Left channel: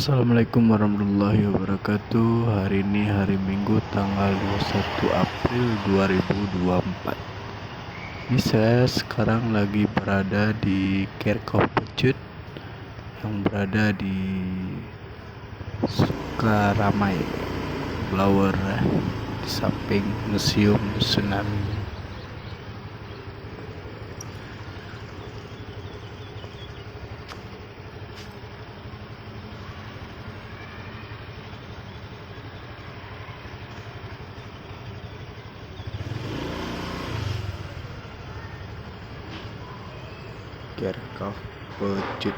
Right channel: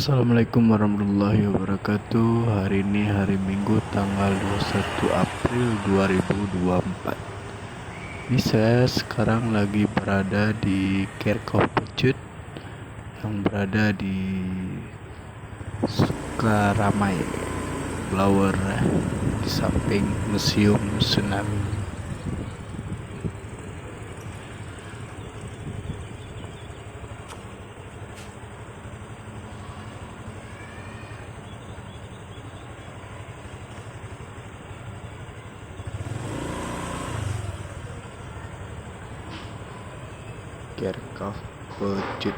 Assalamualaikum warahmatullahi wabarakatuh. Hari ini hari Minggu tanggal 21 April 2024. Ini saya sekarang lagi berada di Kerkhof Pecut yang berada di Sukaramai Blower, di samping Museum Tsunami. Kerkhof Pecut.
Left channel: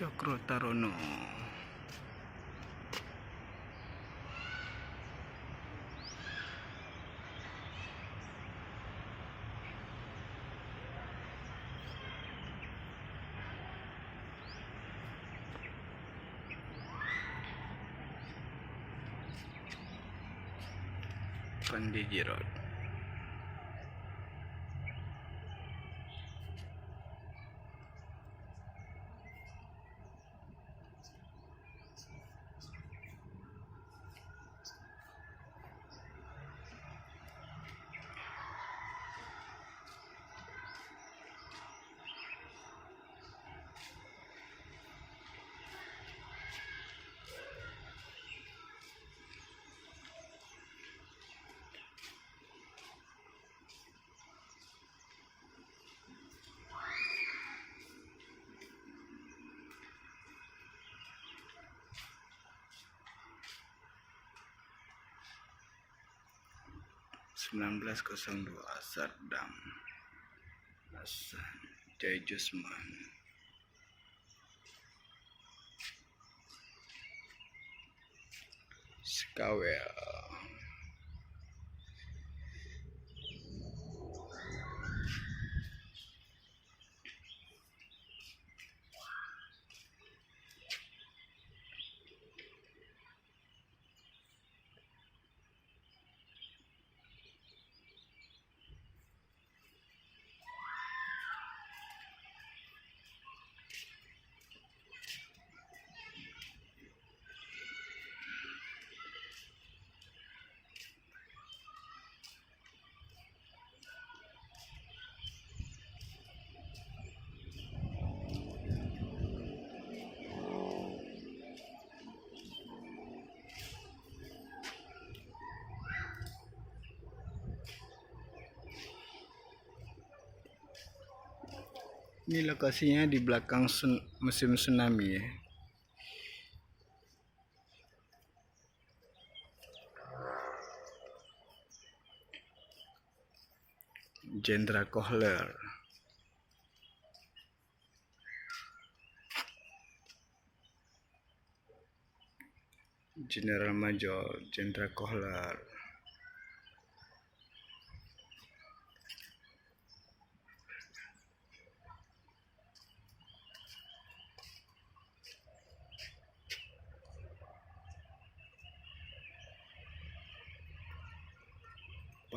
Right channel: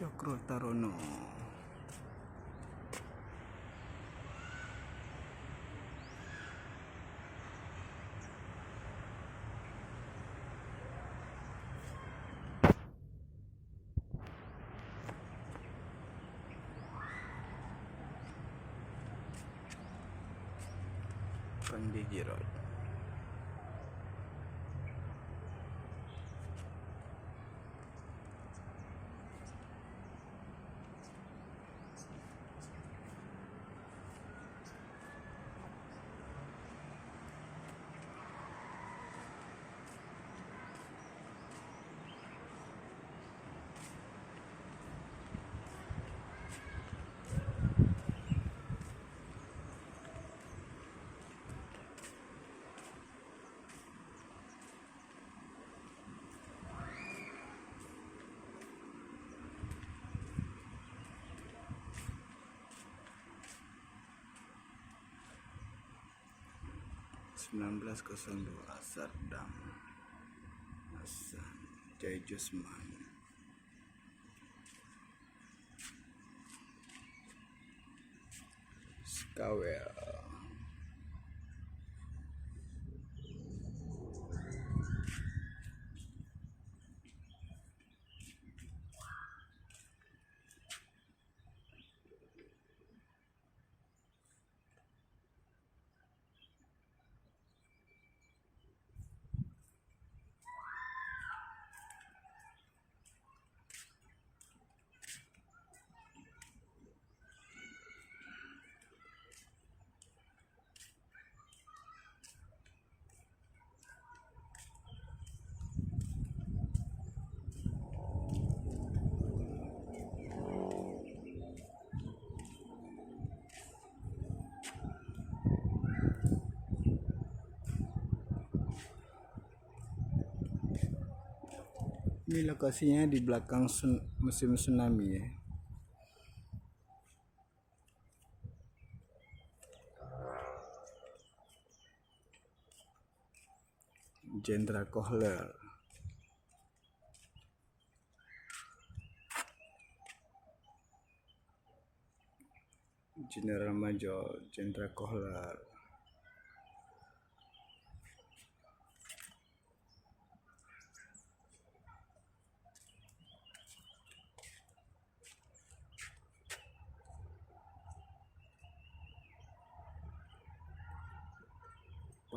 Cokro Tarono. Pandiji Road. 1902 Saddam Hasan Jayusman. Skawel. Ini lokasinya di belakang musim tsunami ya. Jenderal Kohler. General Major Jenderal Kohler.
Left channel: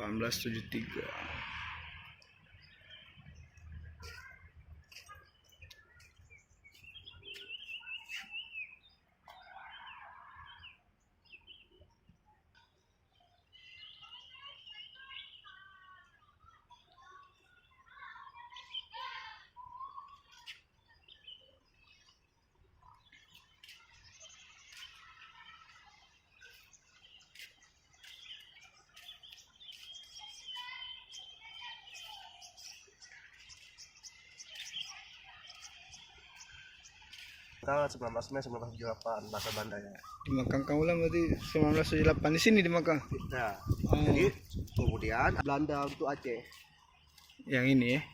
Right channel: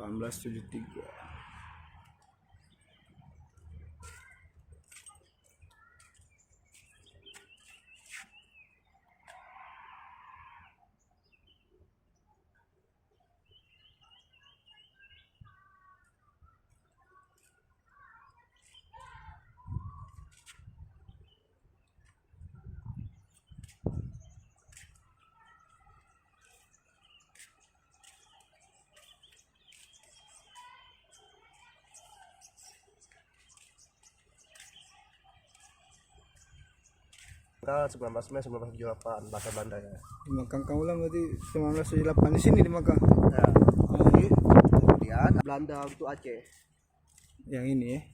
(1873) Tanggal 19 Mei 1978 bahasa Belanda ya. Di Makang Kaulang berarti 1978 di sini di Makang. Ya. Jadi kemudian Belanda untuk Aceh. Yang ini ya.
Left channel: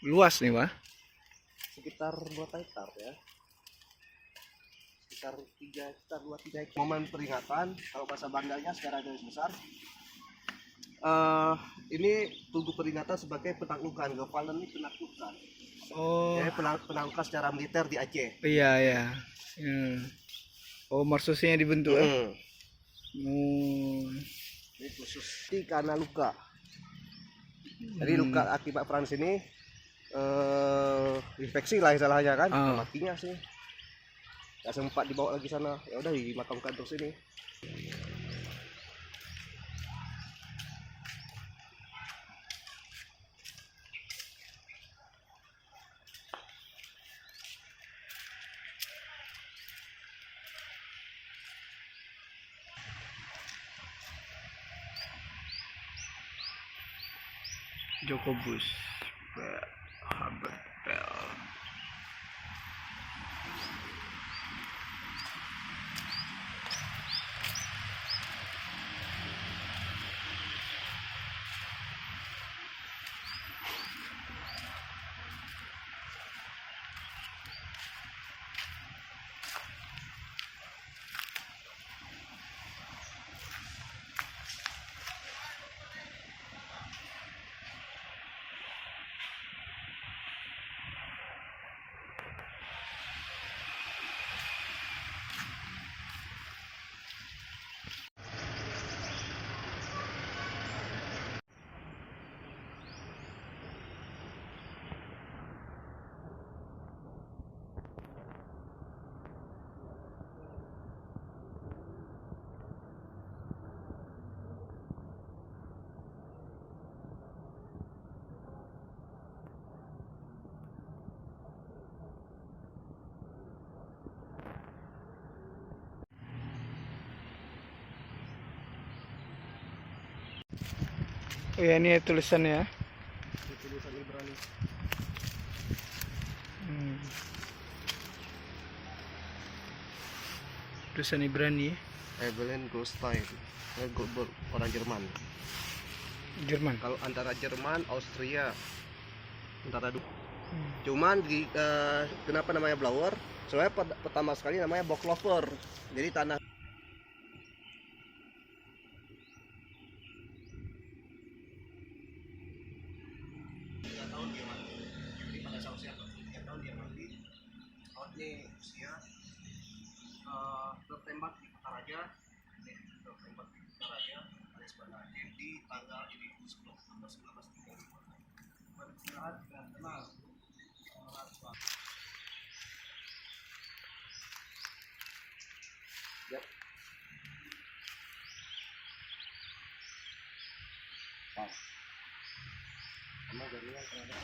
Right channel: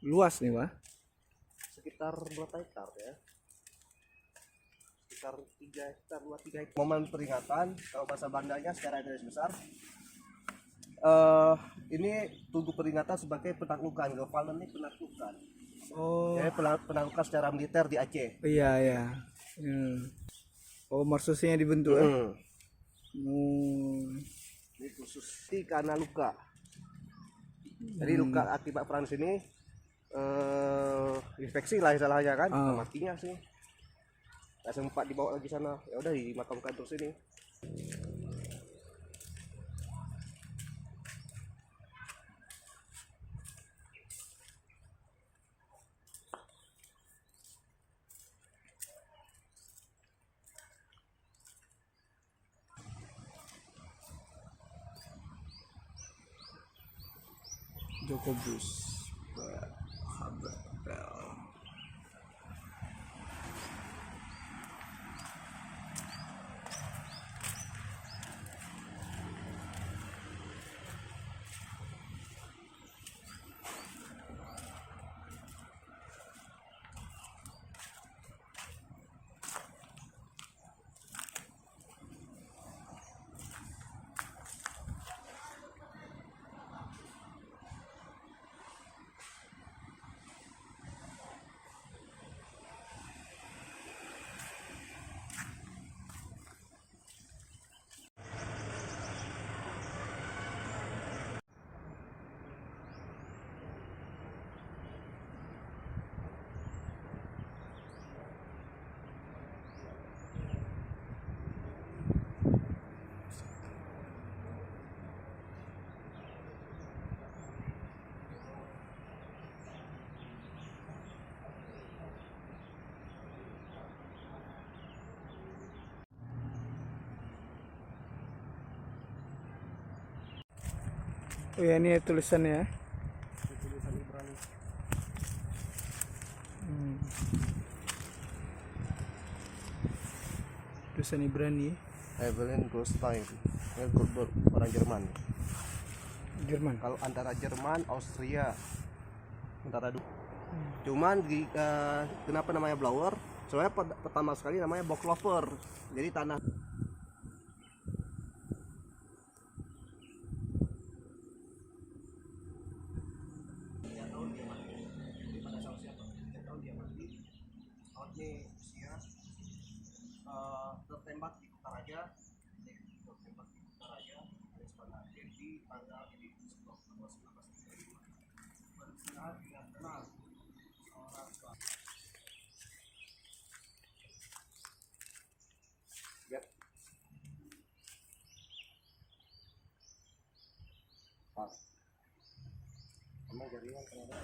Luas nih, Pak. Sekitar 2 hektar ya. Sekitar 3 hektar, 2-3 hektar. Momen peringatan kalau bahasa Belandanya secara garis besar. Ini tugu peringatan sebagai penaklukan. Gevalen ini penaklukan. Oh. Ya, penaklukan secara militer di Aceh. Iya, iya. Oh, marsusnya dibentuk ya. Ini khusus karena luka. Jadi luka akibat perang sini infeksi lah istilahnya kan. Kakinya sih. Gak sempat dibawa lagi sana. Ya udah dimakamkan terus sini. Joko Bus, Habert Bell. Oh ya, ini tulisannya. Tulisan Ibrani. Tulisan Ibrani. Evelyn Goldstein. Orang Jerman. Jerman. Kalau antara Jerman, Austria, antara dua. Cuman kenapa namanya blower? Soalnya pertama sekali namanya Bocklover. Jadi tanah tertembak di Kutaraja, alias Banda Aceh di tanggal ini 10 Oktober 1935. Beristirahat dengan tenang. Ya. Pas. Emang jaringan terhadap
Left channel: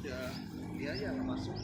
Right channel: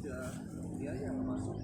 udah dia aja nggak masuk.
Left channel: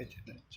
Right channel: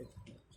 Kecil.